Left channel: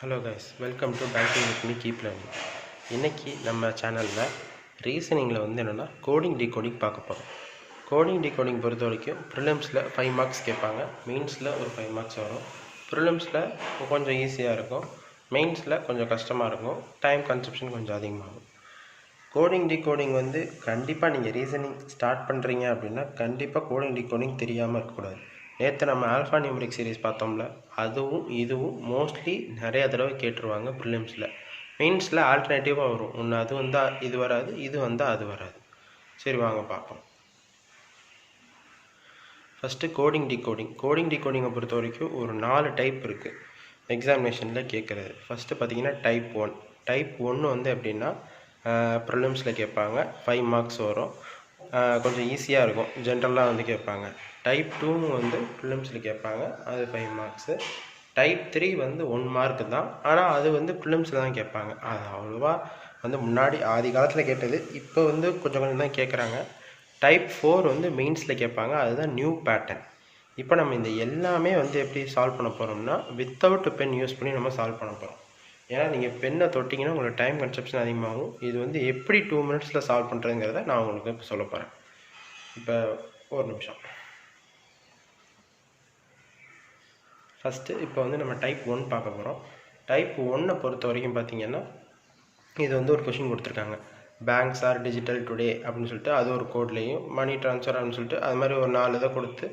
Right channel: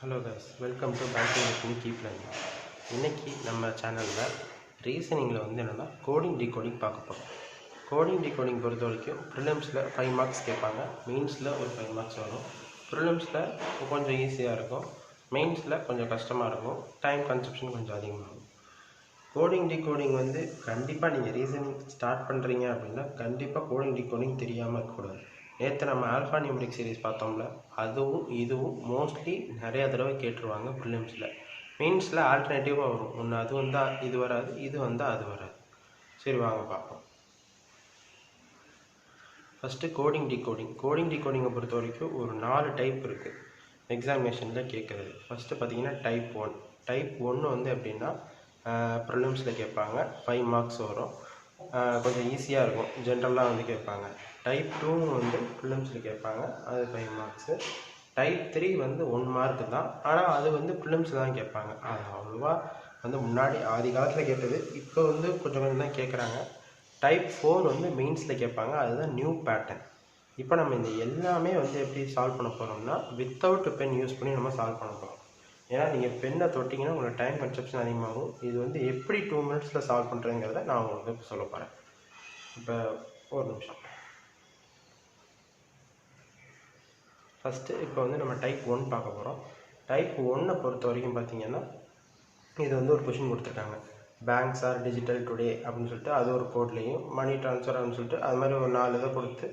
Hello guys, welcome to banking with me keep learning. இன்றைக்கி நம்ம சேனலில் ரீசனிங்கில் என்னென்னா கோடிங் டிகோடிங் பார்க்க போகிறோம். கோடிங் டிகோடிங் பொறுத்த வரைக்கும் ப்ரிலிம்ஸில் 5 மார்க்ஸ் கேட்பாங்க, மெயின்ஸில் ஒரு 5 மார்க்ஸ் வரும். ப்ரிலிம்ஸில் கொஞ்சம் ஈஸியாக இருக்கும், மெயின்ஸில் கொஞ்சம் கஷ்டமாக இருக்கும், டைம் கன்சப்ஷன் கொஞ்சம் அதிகமாகும். கோடிங் டிகோடிங் கண்டிப்பாக நீங்கள் ரீசனிங் ஸ்டார்ட் பண்ணுறீங்க அப்படின்னா கண்டிப்பாக கோடிங் டிகோடிங் தெரியாமல் இருக்கக்கூடாது. நேற்று நம்ம ஆல்ஃபா நியூமரிக் சீரிஸ் பார்த்தோம்ல, அதுவும் இதுவும் மோஸ்ட்லி நிறையா தடவை கேட்டுருவாங்க ப்ரிலிம்ஸில். மெயின்ஸில் ஆல்டர்னேட்டிவாக வரும், ஒன்று அது வந்தால் இது வராது, இது வந்தால் அது வராது. சரி, வாங்க பார்ப்போம். ஃபஸ்ட்டு கோடிங் டிகோடிங்கை பொறுத்த வரைக்கும் ஒரு 4 டைப் இருக்குது எக்ஸாமினேஷனில் கேட்குறது. ஃபஸ்ட்டு பார்த்தீங்கன்னா டைப் 1 எப்படின்னா ப்ரிலிம்ஸில் கேட்பாங்க, 5 மார்க்ஸ் வரும், கொஞ்சம் ஈஸியாக இருக்கும், ஜென்ரலாக கேட்பாங்க. டைப் 2 ப்ரிலிம்ஸில் கேட்பாங்க, அது 5 மார்க்ஸு. டைப் 3 1 மார்க்கு தான், ஆனால் அது ப்ரிலிம்ஸில் தான் கேட்பாங்க. அது அவ்வளோவா முன்னாடி ஆதி காலத்தில் கேட்டது, இப்போ கொஞ்சம் கொஞ்சம் தான் கேட்குறாங்க. டைப் 4 மெயின்ஸில் கேட்பாங்க, அதுதான் நியூ பேட்டர்ன். இப்போ நம்ம இந்த எல்லாமே எப்படி சால்வ் பண்ண போகிறோம்னா வித்தவுட் பென் யூஸ் பண்ணி நம்ம சால்வ் பண்ண போகிறோம். ஏன்னா நீங்கள் பென்னை தொட்டிங்கன்னா உங்களுக்கு டைம் கன்சப்ஷன் அதிகமாகும். இது எப்படி 2 மினிட்ஸில் சால்வ் பண்ணுறதுங்கிறத நான் உங்களுக்கு இப்போ சொல்ல போகிறேன். இப்போ ஒரு நிமிஷம். ஃபஸ்ட்டு இப்போ நம்ம டைப் 1 பார்க்க போகிறோம். டைப் 1 பொறுத்த வரைக்கும் பார்த்தீங்கன்னா இது ஒரு கொஷின் கொடுத்துருக்காங்க. பேங்க்ஸ் ஆர் டிஜிட்டல் டுடே அப்படின்னு சொல்லிட்டு அது ஒரு கோட்லேயும், மணி ட்ரான்ஸ்ஃபர் அப்படின்னு சொல்லிட்டு அது மாதிரி ஒரு 4 இதை கொடுத்து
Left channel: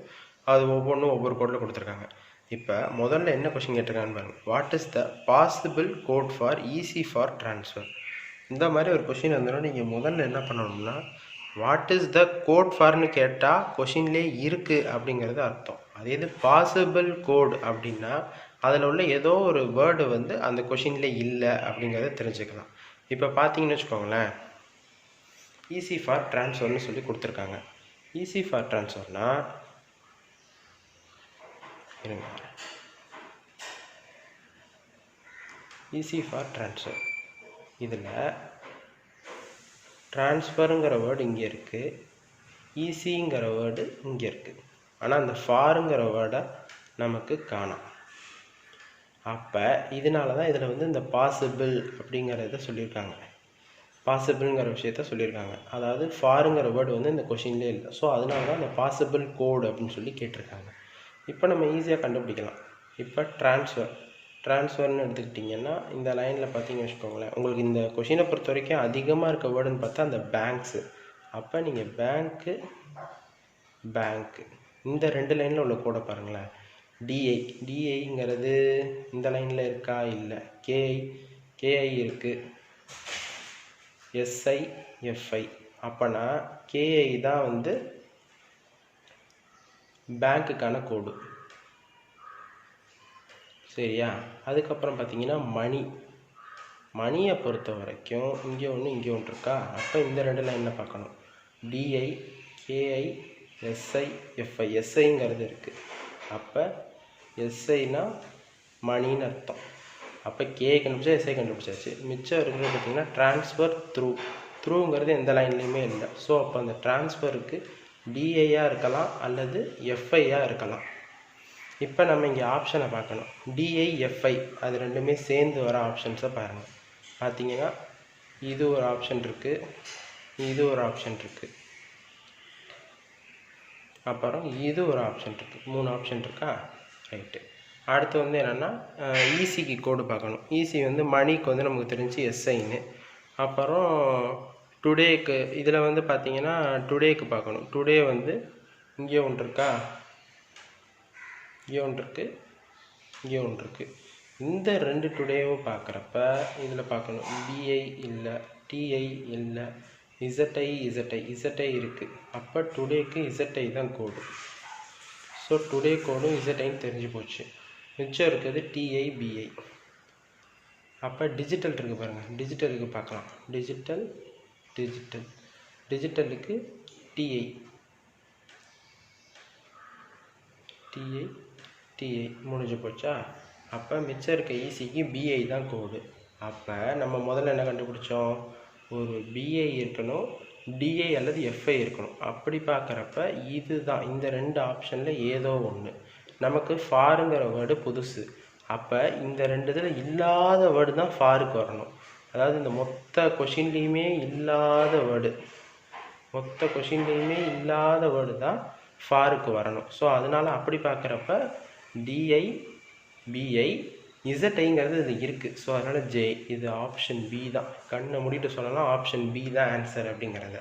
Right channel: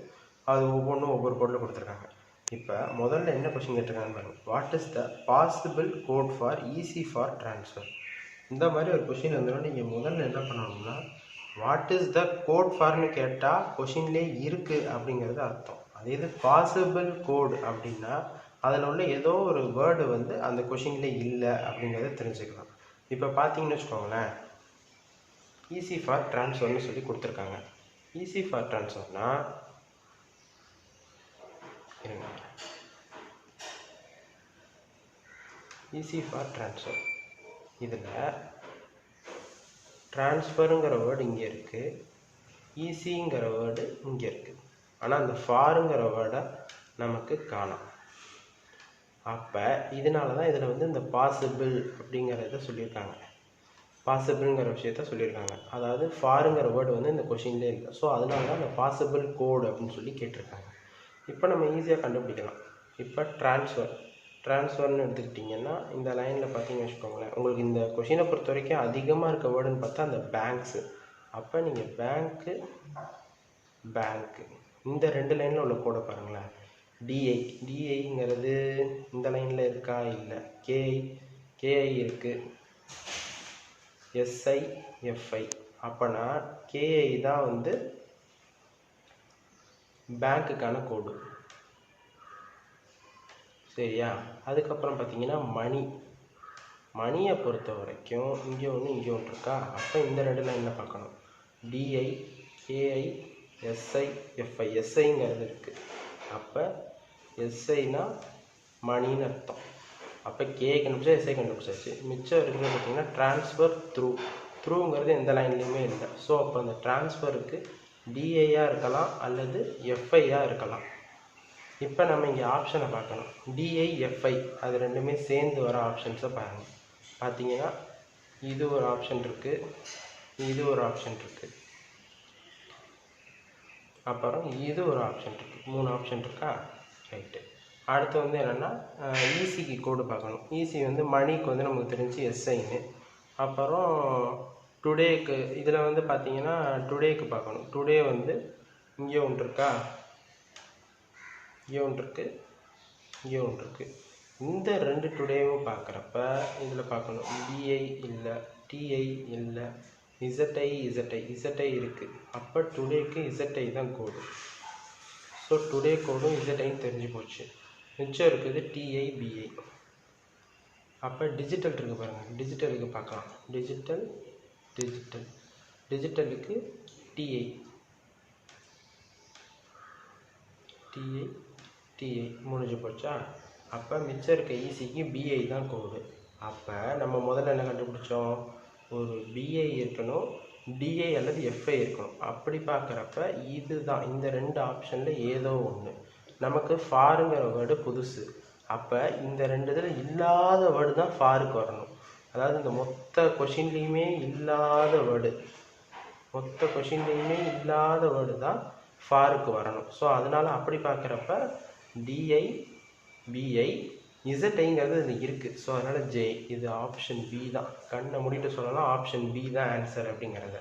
அது ஒவ்வொன்றும் ஒவ்வொரு கோடில் கொடுத்துருக்காங்க. இப்போ முதல்ல என்ன கொஷின் கேட்டிருக்காங்கன்னு பாருங்கள். What is the possible code for easy for transfer? இந்த மாதிரி ஒரு கொஷின் வந்தோன்னா நீங்கள் முதல்ல என்ன பண்ணணும்னா வாட் இஸ் த கோட் ஃபார்னு கேட்டால் கொஷின்லேயே இருக்குது அப்படிங்கிறது அர்த்தம். அதே இது பாசிபிள் கோடு அப்படின்னா அதில் உள்ள ஏதோ ஒரு வேர்டு அந்த கொஷின்லேயே இல்லை அப்படிங்கிறத தெரிஞ்சுக்கலாம். இப்போ பார்த்தீங்கன்னு வச்சுக்கோங்களேன், ஈஸி ஃபார் ட்ரான்ஸ்ஃபர்னு சொல்லி கொடுத்துருக்காங்க. ஈஸி ஃபார் ட்ரான்ஸ்ஃபர்னால் ஈஸி ஃபார் ட்ரான்ஸ்ஃபர், இதில் ட்ரான்ஸ்ஃபருங்கிற வேர்டு இங்கே இருக்குது, ஈஸிங்கிற வேர்டு இங்கே இருக்குது, ஆனால் அந்த ஃபாருங்கிற வேர்டை நமக்கு காணும். அப்போ இதனால தான் இதில் இந்த பாசிபிள் அப்படிங்கிறத சொல்லியிருக்காங்க, பாசிபிள்ங்கிற விஷயத்த சொல்லியிருக்காங்க. அதாவது ஃபாருங்கிற வேர்டு இந்த கொஷின்லேயே இல்லை. ஸோ அதனால தான் இந்த பாசிபிள் கோடு அப்படின்னு சொல்லி கேட்டிருக்காங்க. இப்போ நம்ம ஈஸியாக கண்டுபிடிக்கலாம். இப்போ ட்ரான்ஸ்ஃபர்னு எடுத்துக்கிட்டிங்கன்னா இந்த லைனில் பார்த்தீங்கன்னு வச்சுக்கோங்களேன், உங்களுக்கு இந்த கொஷினை பொறுத்த வரைக்கும் அதிகமாக இருக்க வேர்டுன்னு பார்த்தா அந்த பேங்க்ஸு. அப்போ நீங்கள் பேங்க்கு இந்த 2 லைனில் உள்ள கோடை பாருங்களேன். டிஐங்கிறது இந்த லைனில் இருக்கா? இல்லை. கேஐ இருக்குது, எஸ்ஐ அப்போனா கேஐ தான் பேங்க்குக்கான கோடு. சரியா? அதுக்கப்புறம் பார்த்தீங்கன்னா மணியை பொறுத்த வரைக்கும் இங்கே ஒன்று இருக்கா? அப்போ இந்த 2 லைனில் பார்க்கணும். டிஐ, கேஐ, எஸ்ஐ, எஸ்ஐங்கிறது இருக்குது. அப்போ எஸ்ஐனா மணின்னு அர்த்தம். அப்போ கேஐ கண்டுபிடிச்சா எஸ்ஐ கண்டுபிடிச்சாச்சு. மிச்சம் இருக்கிறது பார்த்தீங்கன்னா ட்ரான்ஸ்ஃபர் த்ரூங்கிறது எந்த லைன்லேயுமே இல்லை. ஸோ அப்போ அந்த ட்ரான்ஸ்ஃபருக்கு டிஐயாக இருக்கலாம் அல்லது எஃப்ஐயாக இருக்கலாம். இப்போ நம்ம இங்கே ஆப்ஷனை பார்க்கணும். டிஐ, எஃப்ஐ அது ரெண்டுமே சேர்ந்து வர ஆப்ஷன்ஸை பாருங்கள். பார்த்தீங்கன்னா இது ஒரு ஆப்ஷன் இருக்குது, இது ஒரு ஆப்ஷன் இருக்குது, அப்புறம் இது ஒரு ஆப்ஷன் இருக்குது. 3 ஆப்ஷன் இருக்கா? ரைட்டு. அடுத்து என்னென்னா ஈஸிக்கு கோடு பார்க்கணும். ஈஸி மணிக்கு நமக்கு தெரிஞ்சு எஸ்ஐன்னு. அப்புறம் டுடேக்கு இதில் பார்த்தீங்கன்னா டுடேக்கு பார்க்கணும். டுடே இங்கே ஒன்று இருக்கா? இங்கே ஒன்று இருக்குது, இங்கே ஒன்று இருக்குது. இந்த 2 டுடேவும் பார்க்குறப்ப இதில் பார்க்கணும். டிஐ இல்லை, டிஐ இல்லை, இசட்டை இருக்குது. அப்போ டுடேக்கு இசட்டை தான் கோடு. ஸோ டுடே கோடும் இசட்டைன்னு தெரிஞ்சு போச்சு. மிச்சம் இருக்குது டிஐ, பிஐ. அப்போ டிஜிட்டல் இருக்குது பாருங்கள், டிஜிட்டலுக்கு பார்க்கலாம். டிஜிட்டலுக்கு டிஐ முடிஞ்சு போச்சா? அப்போ மிச்சம் இருக்க ஈஸிக்கு பிஐ தான் கோடு. அப்போ நம்ம முதல்ல என்ன கண்டுபிடிச்சோம்? ஒரு பிஐ இருக்கணும், டிஐ அல்லது எஃப்ஐ இருக்கணும். அப்படி பார்க்குறப்ப இதுதான் இந்த 2 ஆப்ஷனில் ஏதோ ஒன்று. நமக்கு ஃபாருங்கிற வேர்டு புதுசு, அப்போ இந்த ரெண்டு இதில் இல்லாத வேர்டு தான் ஃபாருக்கு வரணும். அதாவது இந்த மொத்த கொஷின்லேயுமே இல்லாத வேர்டு தான் ஃபாருக்கு வரணும். ஸோ அதனால் அப்படி பார்க்குறப்ப டிஐ பிஐ இசட்ஐங்கிறது இதில் இருக்குது. ஸோ அதனால் ஜே, இது ஆப்ஷன் பி தான். கண்ணை மூடிட்டு சொல்லலாம் ஆப்ஷன் பி தான் ஆன்சர் அப்படிங்கிறத.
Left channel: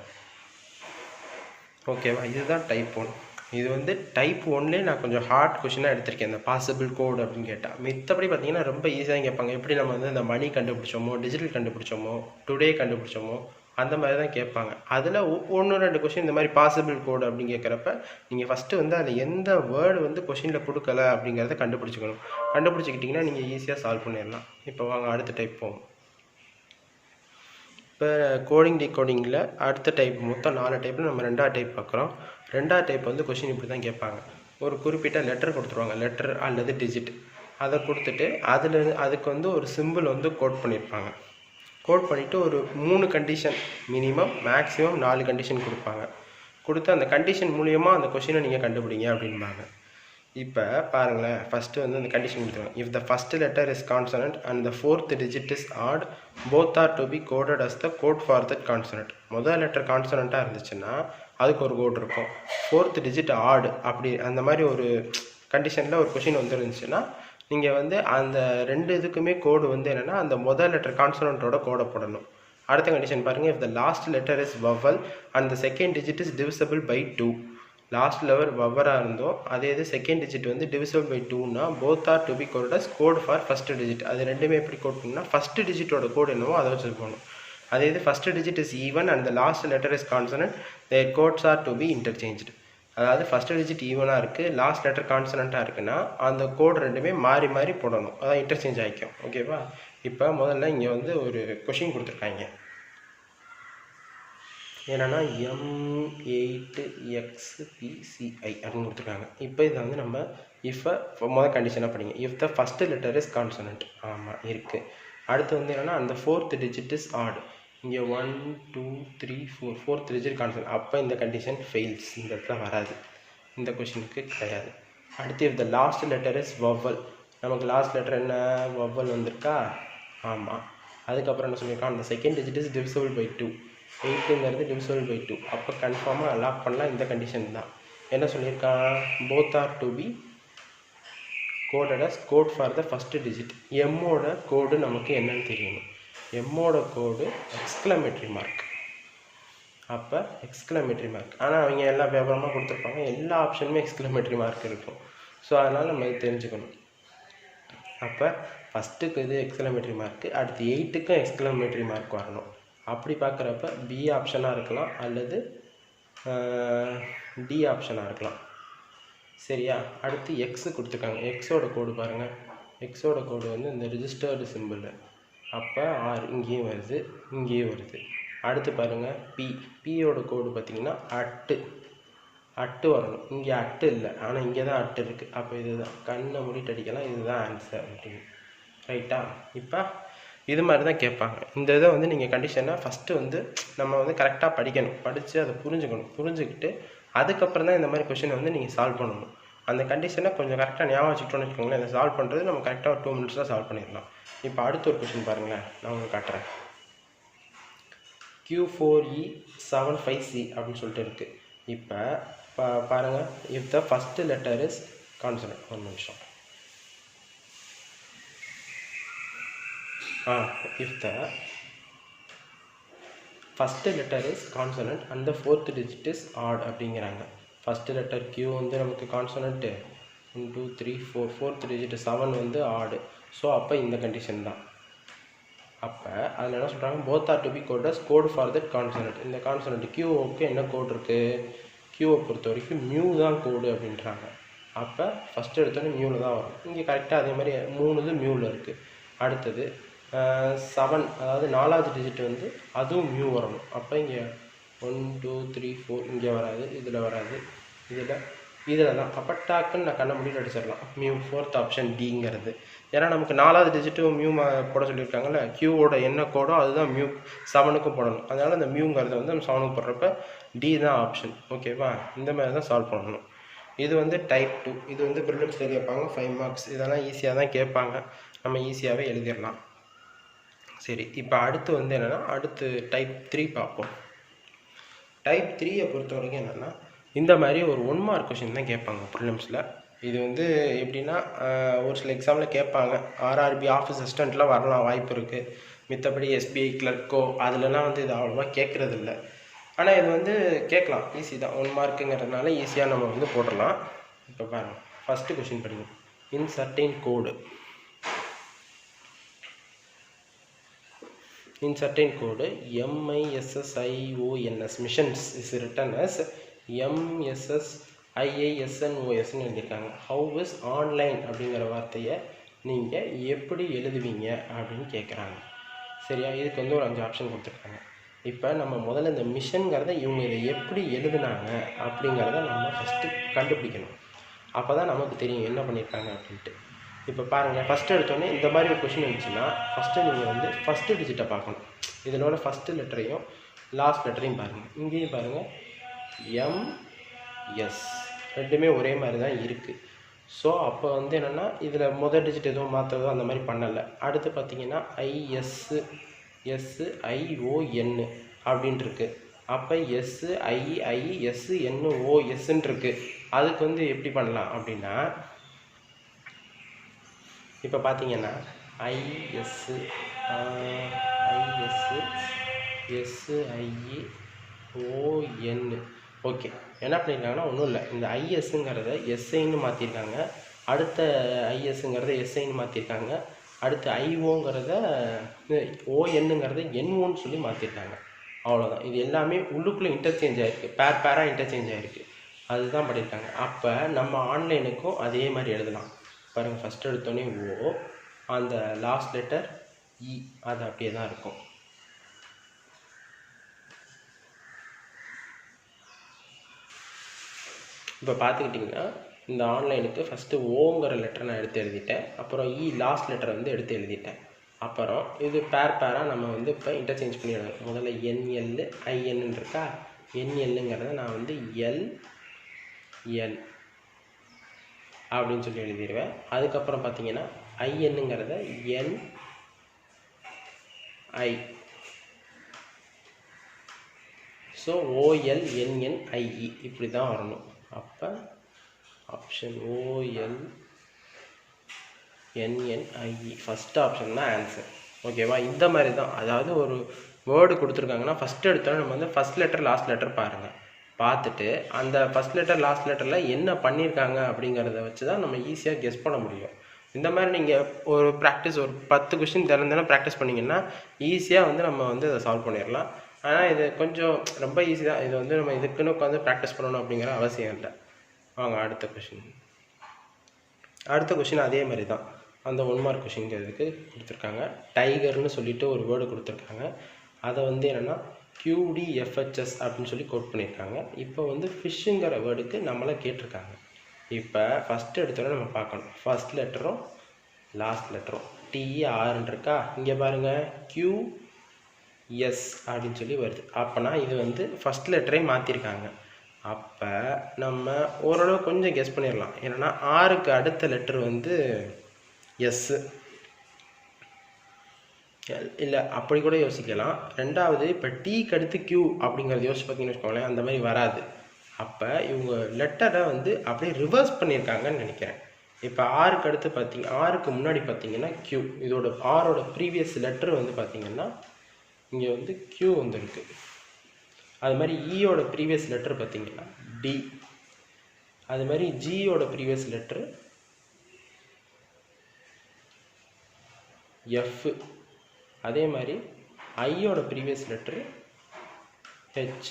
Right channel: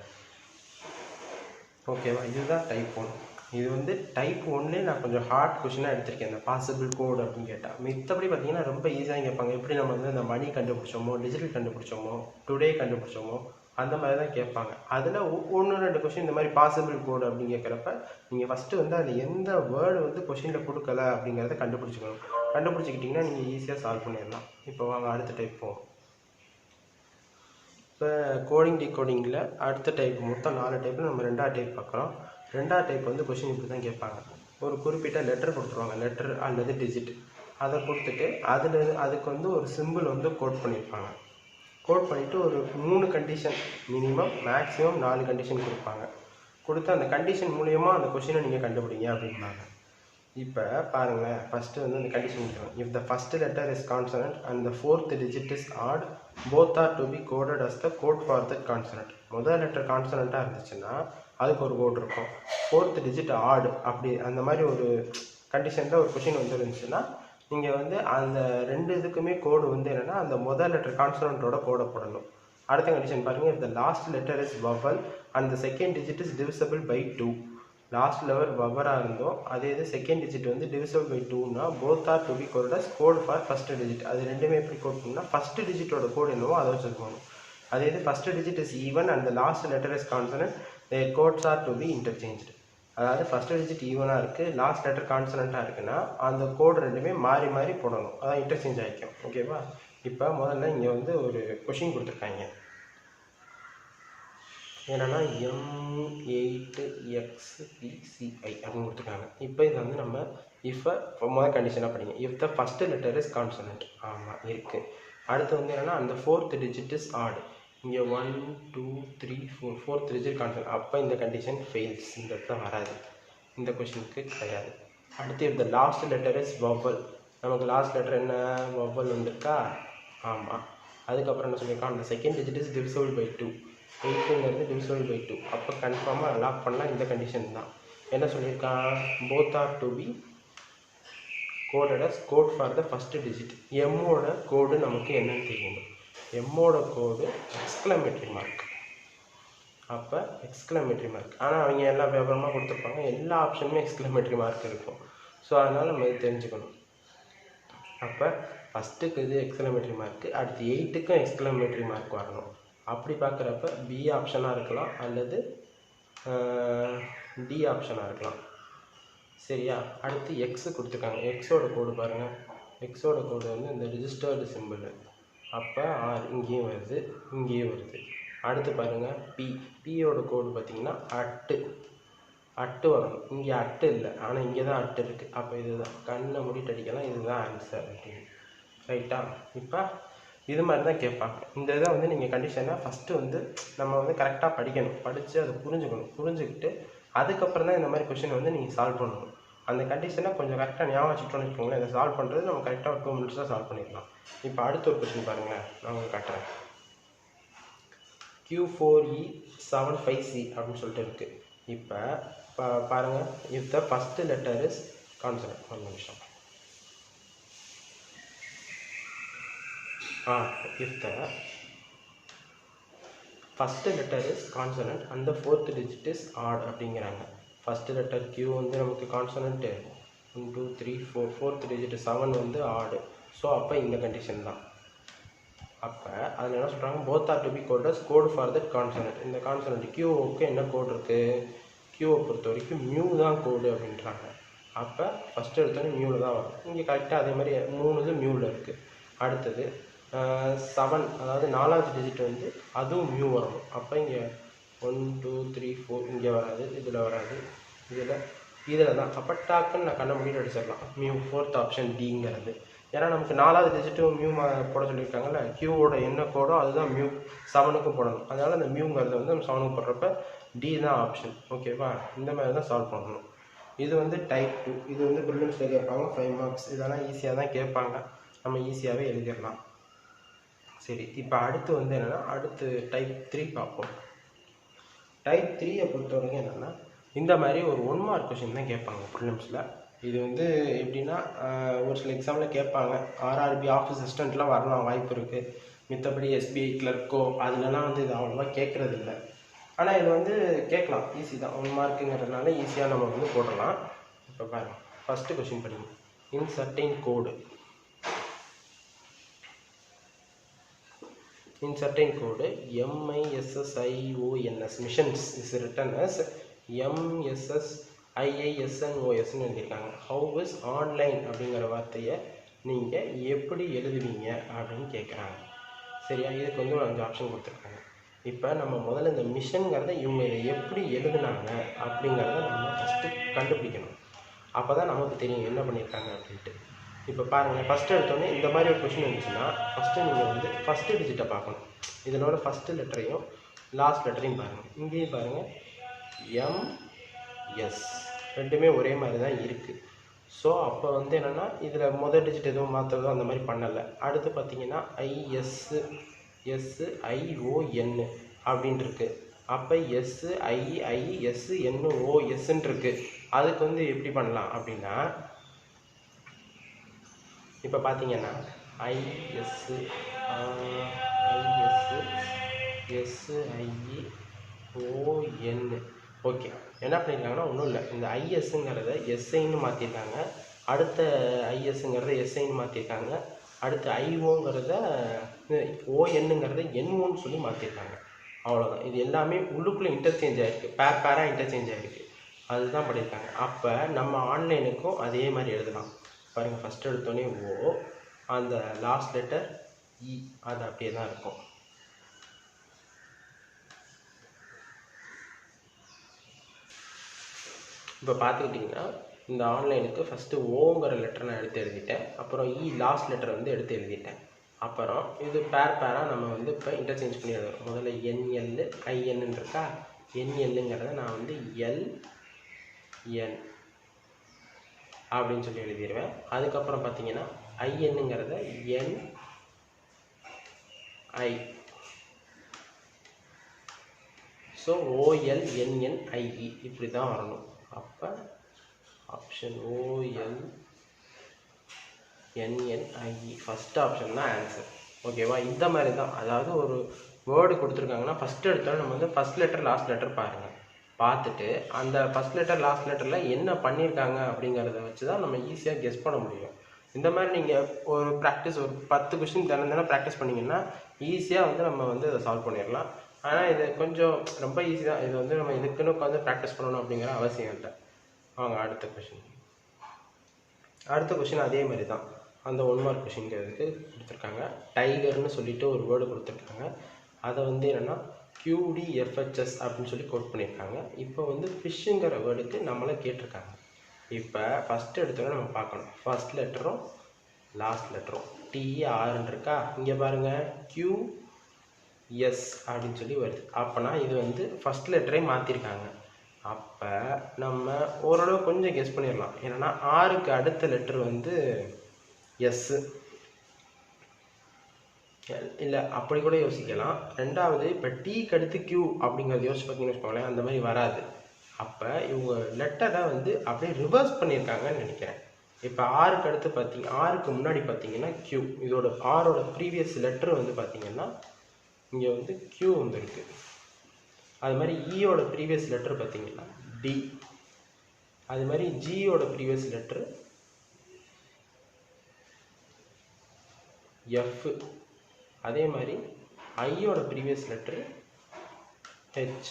ஓகேவா? இதுதான் டைப் 1. இது வந்து டைப் 1லே நான் கொஞ்சம் ஹார்ட் கொஷினாக எடுத்திருக்கேன். இந்த பாசிபிள் கோடு அப்படின்னு கேட்டால். மித்தபடி பார்த்தீங்கன்னா ரொம்ப ஈஸியாக கேட்பாங்க. எப்படி நம்ம வந்து இந்த மணி கண்டுபிடிச்சோமோ, டிஜிட்டல் கண்டுபிடிச்சோமோ, டுடே கண்டுபிடிச்சோமோ, அந்த மாதிரி தான் கேட்பாங்க. அதில் 1-2 கொஷின் இந்த மாதிரி பாசிபிள் கோடு அப்படின்னு கேட்குறப்ப நீங்கள் ஃபஸ்ட்டு வந்து அதில் எந்த வேர்டு வந்து கொஷினில் கொடுக்கல அப்படிங்கிறத கண்டுபிடிச்சிக்கணும். கண்டுபிடிச்சிக்கிட்டிங்கன்னா நீங்கள் ஈஸியாக சால்வ் பண்ணிடலாம். இப்போ வாங்க அடுத்த டைப் போவோம். இப்போ கோடிங் டிகோடிங்கில் அடுத்த டைப் மொத்தம் 4 டைப்பில் நம்ம 2வது டைப் பார்க்குறோம். 2வது டைப் வந்து கொஷின் இப்படி தான் கேட்பாங்க. ஒரு குறிப்பிட்ட லெட்டர் கொடுத்துருவாங்க, லெட்டர் அல்லது டிஜிட். அதை கொடுத்துட்டு அதுக்கு வந்து ஒரு சிம்பிள் வந்து கோட் பண்ணியிருப்பாங்க. கோட் பண்ணிவிட்டு ஒரு 3 கண்டிஷன், மினிமம் மேக்ஸிமம் 4 கண்டிஷன் கொடுப்பாங்க. கொடுத்து அந்த கண்டிஷன் மூலிமா அந்த கொஷினை நீங்கள் கண்டுபிடிங்க அப்படின்பாங்க. இப்போ பாருங்களேன், ஃபஸ்ட்டு வந்து அந்த கண்டிஷன் கொடுத்துருவாங்க. If the first letter is consonant and the 4th digit is odd, both are to be coded as the code for that consonant. முதல் லெட்டர் கான்சனண்ட்டாக இருந்துச்சுன்னா அதுக்கு ஒரு கோட் இருக்கும். 4th digit ஆட், அப்படி அந்த மாதிரி ஒரு கண்டிஷனில் ஒரு கொஷின் வந்துருந்துச்சுன்னா நீங்கள் வந்து அந்த 2 இதுக்குமே கோடு வந்து என்னென்னா அந்த முதல் லெட்டர் கான்சனண்ட்டோட கோடை போடணும். அடுத்த கண்டிஷன் பாருங்கள். If the last letter is vowel and the second digit is divisible by 2. Last level வவராக இருந்தோம், அதே இது செகண்ட் டிஜிட் வந்து டிவிசபிள் பை 2னா both are to be code as code for first digit. அது ரெண்டுமே எப்படி கோட் பண்ணால் ஃபஸ்ட் டிஜிட்டோட கோட் என்னவோ அதை வச்சு போகணும். அதே இது first digit is even and the last letter is consonant, their codes are to be interchanged. அதாவது ஃபஸ்ட் டிஜிட் ஈவனாக இருக்குது, லாஸ்ட் லெட்டர் கான்சனண்ட்டாக இருக்குன்னா அந்த கோட் ரெண்டுமே மாறி மாறி போடணும். அதான் இன்டர்சேஞ்ச் ஆகிக்கும். ஓகேவா? இப்போ முதல்ல இங்கே வந்து ஒரு கொஷின் கொடுத்துருக்காங்க. என்னென்னா M8XPCI அப்படின்னு கொடுத்துருக்காங்க. இப்போ இதை வந்து நம்ம முதல் கண்டிஷனாக படிங்க. If the first letter is consonant, ஆமாம் இருக்குது. அடுத்து வந்து என்னென்னா அந்த 4th digit இஸ் ஆட். இங்கே 1 2 3 4 4th digit கான்சனன்ட். அப்போ இந்த கண்டிஷன் ஃபெயில்ஸ், இந்த இடத்துல வராது, இந்த கொஷினுக்கு கிடையாது. அடுத்து if the last letter is vowel, நமக்கு லாஸ்ட் லெட்டர் என்ன வவல் வந்திருக்கா? ஆமாம். அதுக்கப்புறம் என்ன சொல்லியிருக்கான்? அந்த second digit is divisible by 2. 8ங்கிறது டிவிசபிள் பை 2. அப்போ கன்ஃபார்மாக லாக் பண்ணலாம் இந்த கண்டிஷன் தான். என்ன சொல்லியிருக்கான்? Both are to be coded as code for the first digit. எம்மோட கோடு நமக்கு என்னன்னு தெரியணும். எம்மோட கோடு எக்ஸ்க்ளமேட்டரி மார்க். அப்போ எக்ஸ்க்ளமேட்டரி மார்க். ஆனால் அவங்க எல்லா வியாபாரமாக கொடுத்துருப்பாங்க, எல்லா ஆப்ஷனுமே எக்ஸ்க்ளமேட்டரி மார்க் இருக்கும். ஸோ அதனால் நம்ம இது தெரிஞ்சுக்கணும். அப்போ ஃபஸ்ட்டுக்கு இது எக்ஸ்க்ளமேட்டரி மார்க்கு, அடுத்து 8க்கும் எக்ஸ்க்ளமேட்டரி மார்க் வரணும். அப்படி பார்க்குறப்ப பி ஆப்ஷனாக இருக்கலாம் அல்லது டி ஆப்ஷனாக இருக்கலாம். சரியா? அடுத்து எக்ஸு கொடுத்துருக்காங்க. எக்ஸோட கோடு பாருங்கள். எக்ஸோட கோடு வந்து இந்த ரிஜிஸ்டர்டு சிம்பிள். அப்போ ஆர் இங்கேயும் வருது, இங்கேயும் வருது. அடுத்து பாருங்கள் பியோட கோடு பார்த்திங்கன்னா அட்டு வரணும். இங்கே அட்டு இல்லை, ஆனால் இங்கே தான் அட்டு இருக்குது. அப்போ இதுதான் கண்ணை மூடிட்டு அடிக்கலாம், இதுதான் ஆன்சர் அப்படின்னு. ரைட்டா? இப்போ இது மாதிரி தான் கேட்பாங்க. இந்த இதை வந்து நீங்கள் கண்டிஷனாக ஃபஸ்ட்டு வந்து நம்ம வந்து கரெக்டாக படிக்கணும், படித்து அதை புரிஞ்சுக்கிட்டு அதுக்கப்புறம் தான் இந்த மாதிரி கொஷினை வந்து நீங்கள் சால்வ் பண்ணணும். அந்த கண்டிஷனை கொஞ்சம் கரெக்டாக ஞாபகம் வச்சுக்கிட்டோன்னு வச்சுக்கோங்களேன், இதை சால்வ் பண்ணுறது நம்ம கரெக்டாக 2 minutes சால்வ் பண்ணிடலாம். இப்போ அடுத்த ஒரு கொஷின் பாருங்களேன், நான் உங்களுக்கு காட்டுறேன். Q4E75C அப்படின்னு சொல்லிட்டு இருக்குது. இப்போ பாருங்கள். If the first letter is consonant, ஒரு நிமிஷம். If the first letter is consonant and the 4th digit is odd அப்படிங்கிறாங்க. ஃபஸ்ட்டு லெட்டர் Q வந்து நமக்கு கான்சனண்ட்டு, 1 2 3 4 4th digit 7 வந்து ஆடு. ஸோ அப்போ இந்த கண்டிஷன் தான். அப்போ அதில் என்ன சொல்கிறாங்க? Both are to be code as code for that consonant. இந்த கான்சனண்ட் Qவுக்கு என்ன கோட் இருக்குது? Qவை பொறுத்த வரைக்கும் மியூ தான் கோடு அப்படின்றாங்க. அப்போ ஃபஸ்ட்டு எடுத்தோடனே மியூவில் தான் வரும். இங்கே கரெக்டாக அதே மாதிரி 3 இது மியூவில் இருக்குது. அடுத்தது 7, அதாவது 4வது டிஜிட் வந்து அதுவும் மியூ வரணும். அப்போ இங்கே 1 2 3 4 இங்கே வராது, இதில் வராது, இதில் தான். அப்போ டாக்குன்னு நான் கண்ணை மூடிட்டு அடிச்சிடலாம். மியூ 4th ஆப்ஷன் டிங்கிறது. ஏன்னா நமக்கு 4வது டிஜிட்டும் மியூ போட சொல்லியிருக்காங்கல்ல, Qவோட என்ன கோடோ அதுதான் மியூ 7க்கும் போடணும். அதனால் அந்த மியூங்கிறது வந்து நம்ம 7க்கு போடுறப்ப டி தான் ஆப்ஷன். ஓகேவா? இந்த மாதிரி தான் சால்வ் பண்ணணும். இது வந்து டைப் 2. இது வந்து ப்ரிலிம்ஸில் கேட்பாங்க 5 மார்க்ஸ். இதெல்லாம் ஈஸியாக தான் கேட்பாங்க, நம்ம ஈஸியாகவே எழுதிடலாம். சரி, இப்போ அடுத்து வந்து என்னென்னா அடுத்து டைப் 3 பார்ப்போம். டைப் 3 பொறுத்த வரைக்கும் என்னென்னா இந்த மாதிரி ஒரு 1 மார்க் கொஷின் தான் கேட்பாங்க ப்ரிலிம்ஸில். இது வந்து எப்படின்னா ஒரு சில எக்ஸாமில் கேட்பாங்க. ஆர்ஆர்பி ஆஃபீஸ் அசிஸ்டண்ட்டில் வரலாம், வாய்ப்பு இருக்குது. மித்தபடி எஸ்பிஐ கிளர்க்கோ அதுலலாம் வந்து இது அவ்வளோவா கேட்குறது இல்லை. ஆனால் இது வந்து கேட்கலாம், ஈஸி தான். 1 மார்க்குங்கிறதுனால ஈஸியாக நம்ம வந்து போடலாம். இப்போ பாருங்கள், ஃபஸ்ட்டு கொஷின் படிங்க. இன் certain code, in certain code MISSIONS missions is written as MSSIISNOS எழுதியிருக்காங்க. ஹவு இஸ் ஆன்லைன் அப்படிங்கிற வார்த்தையை நீங்கள் எப்படி எழுதுவீங்க அப்படின்னு கேட்குறாங்க. சரியா, இதுக்கு வந்து ஒரு 5 ஆப்ஷன் கொடுத்துருக்காங்க. இப்போ நம்ம முதல்ல இந்த மிஷன்கிறத இவங்க இதை எப்படி எழுதுனாங்க அப்படிங்கிறத நம்ம ஃபஸ்ட்டு கண்டுபிடிக்கணும். அப்போ தான் நமக்கு தெரியும் என்ன பண்ணியிருக்காங்க அப்படின்ட்டு. இப்போ பாருங்கள், ஃபஸ்ட்டு எடுத்தோடனே இந்த மாதிரி ஒரு கொஷின் இருந்துச்சுன்னா ஃபஸ்ட்டு நீங்கள் வந்து ஃபஸ்ட்டு டிஜிட்டை பார்க்கணும். இதனோட ஃபஸ்ட்டு லெட்டரையும் லாஸ்ட் லெட்டரையும் பாருங்கள். இங்கேயும் பாருங்கள், MS ரெண்டுமே ஒரே மாதிரி தான் இருக்குது. ஸோ அப்போ வந்து என்னென்னா இதில் முதல் டிஜிட் எதுவும் மாற்றதோ அந்த மாதிரி பண்ணலை. அடுத்து பார்த்தீங்கன்னா ISSION அப்படின்ட்டு இருக்குது. அப்போ SIISNOSன்னு இருக்குது. அதுக்கு வந்து எப்படி பண்ணலாம் அப்படின்னா, இப்போ பார்த்தீங்கன்னா ISSION ஓகே. என்ன பண்ணியிருக்காங்கன்னா ஒன்றும் இல்லை, இந்த ஐஎஸ்ங்கிறத எஸ்ஐன்னு மாற்றிருக்காங்க. அடுத்த ஐஎஸ்ங்கிறத எஸ்ஐன்னு மாற்றிருக்காங்க. அடுத்து ஐஓங்கிறத ஓஎன்னுங்கிறத என்ஓன்னு சொல்லி மாற்றிருக்காங்க. அவ்வளோதான். இது எல்லாமே உள்ளுக்குள்ளே இன்டர்சேஞ்ச் ஆகிருக்கு, பேராக இன்டர்சேஞ்ச் ஆகிருக்கு. அதுதான் பண்ணியிருக்காங்க. அப்போ நம்ம ஆன்லைனுக்கும் அதே மாதிரி எழுதலாம். பாருங்கள், ஃபஸ்ட்டு எடுத்தோடனே ஓ, அந்த லாஸ்ட் லெட்டர் இ, அது அப்படியே தான் இருக்கும். இப்போ பார்த்துக்கிட்டிங்கன்னா இந்த ஆன்லைனுக்கு ஃபஸ்ட்டு ஓங்கிற லெட்டர் நான் எடுத்து எழுதிட்டேன். அப்புறம் இ லாஸ்ட் லெட்டர் வந்து எடுத்து எழுதிட்டேன். அப்புறம் இது பேராக நம்ம வந்து இப்போ இன்டர்சேஞ்ச் பண்ணி எழுதணும். முதல்ல NL INன்னு இருக்கா, NLங்கிறத நான் வந்து LN அப்படின்னு சொல்லி எழுதிடுவேன். அதுக்கப்புறம் பார்த்தீங்கன்னா INங்கிறத NI. ஸோ OLNNIE இப்படி தான் வரணும். அப்போ ஆப்ஷன் OLNNIE ஃபஸ்ட் ஆப்ஷன் தான் ஆன்சர். ஓகேவா, இந்த மாதிரி தான். அதாவது ஒரு வேர்டு கொடுத்துருக்காங்கன்னா ஃபஸ்ட்டு எடுத்தாலும் நம்ம வந்து ஃபஸ்ட் லெட்டர் லாஸ்ட் லெட்டர் பாருங்கள். பார்த்துட்டு அந்த ஃபஸ்ட் லெட்டர் லாஸ்ட் லெட்டரில் என்ன பண்ணியிருக்காங்க அப்படிங்கிறத வச்சு தான் நம்ம ஈஸியாக கெஸ் பண்ண முடியும். இந்த மாதிரி நீங்கள் ஒரு ப்ராக்டிஸ் ஒரு 10 கொஷின் தினம் ப்ராக்டிஸ் பண்ணிங்கன்னா ஈஸியாக வந்து நம்ம வந்து அதை சால்வ் பண்ணிடலாம். ஆனால் இது கொஞ்சம் ரொம்ப ஈஸி தான். இது வந்து நம்ம இதுக்குன்னு உட்காந்து ப்ராக்டிஸ் பண்ணணும் அப்படிங்கிற அவசியம் இல்லை. வாங்க அடுத்த கொஷின் அதே மாதிரி தான். அந்த 1 மார்க் கொஷின்ங்கிறதுக்கு கொடுத்துருக்காங்க. டைகர்னு சொல்லிட்டு ஒரு வேர்டு கொடுத்துருக்காங்க. அதை வந்து என்னென்னா QDFHS அப்படின்னு சொல்லி கோட் பண்ணியிருக்காங்க. இப்போ வந்து ஃபிஷ்ஷுங்கிற வேர்டுக்கு நம்மளை கேட்டிருக்காங்க. இப்போ ஃபஸ்ட்டு எடுத்தோன்னே நம்ம பார்க்கணும், ஃபஸ்ட் லெட்டரும் லாஸ்ட் லெட்டரும் TRன்னு இருக்கா. இங்கே பாருங்கள், QS அப்படின்னு சொல்லி வருது. அப்போனா இது வந்து ஃபஸ்ட் லெட்டரே மாற்றிருக்காங்க. அப்போ நம்ம ஓரளவு கொஞ்சம் கெஸ் பண்ணிடலாம். என்னென்னா ஆருக்கு அடுத்த லெட்டர் வந்து எஸ்ஸு இல்லை, அப்படி கூட யோசிக்கலாம். ரெண்டாவது இப்போ டீக்கு அடுத்து Q அப்படிங்கிறது யோசிச்சு பார்த்தீங்கன்னு வச்சுக்கோங்களேன், அந்த மாதிரி வராது. அப்போ இவங்க லெட்டரை வந்து அப்படியே ரிவர்ஸ் பண்ணியிருக்காங்கன்னு நினைக்கிறேன். இப்போ ஆருக்கு அடுத்து ஆருக்கு முன்னாடி பார்த்தீங்கன்னா Q, இதோட ஆரோட ப்ரீவியஸ் லெட்டர் வந்து பார்த்தீங்கன்னா இங்கே வந்து Q வந்துருக்கு. அது மாதிரி ஈயோட ப்ரீவியஸ் லெட்டர் பார்த்தீங்கன்னா D. அது மாதிரி ஜியோட ப்ரீவியஸ் லெட்டர் F. அதே மாதிரி ஐயோட ப்ரீவியஸ் லெட்ரு H,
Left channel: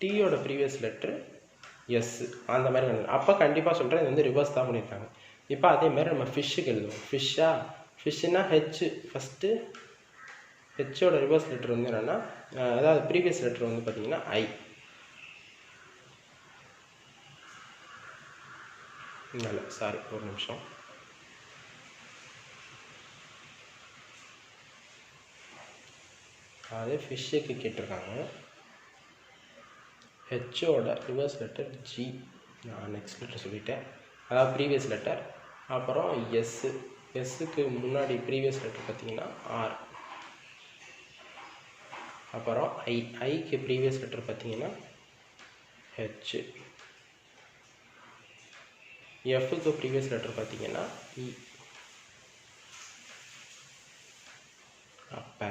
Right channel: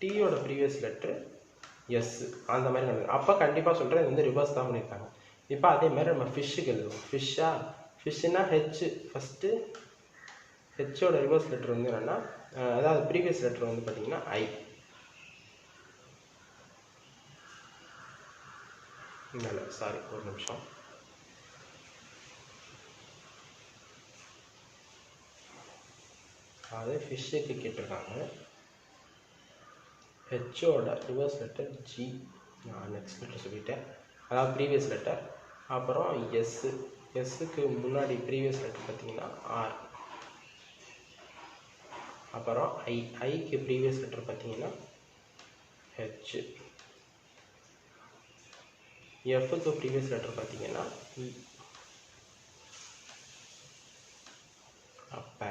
டீயோட ப்ரீவியஸ் லெட்ரு S. அந்த மாதிரி அப்போ கண்டிப்பாக சொல்கிறேன், இது வந்து ரிவர்ஸ் தான் பண்ணியிருக்காங்க. இப்போ அதே மாதிரி நம்ம ஃபிஷ்ஷுக்கு எழுதுவோம். ஃபிஷ்ஷுன்னா H ஃபஸ்ட்டு, ஹெச்சோட ரிவர்ஸ் லெட்டர் வந்து என்னென்னா, அதாவது ப்ரீவியஸ் லெட்டர் வந்து பார்த்திங்கன்னா I. இல்லை சாரி, ஒரு நிமிஷம். அதாவது ஃபிஷ்ஷுக்கு கேட்டிருக்காங்க. ஹெச்சோட reverse letter G, next letter சொல்லிட்டேன், அதாவது ப்ரீவியஸ் லெட்டர். அப்புறம் எஸ்ஸுக்கு முன்னாடி ப்ரீவியஸ் லெட்டர் பார்த்தீங்கன்னா ஆர். அப்புறம் ஐக்கு ப்ரீவியஸ் லெட்டர் பார்த்தீங்கன்னா ஹெச். எஃப்க்கு ப்ரீவியஸ் லெட்டர் பார்த்தீங்கன்னா இ. அப்போ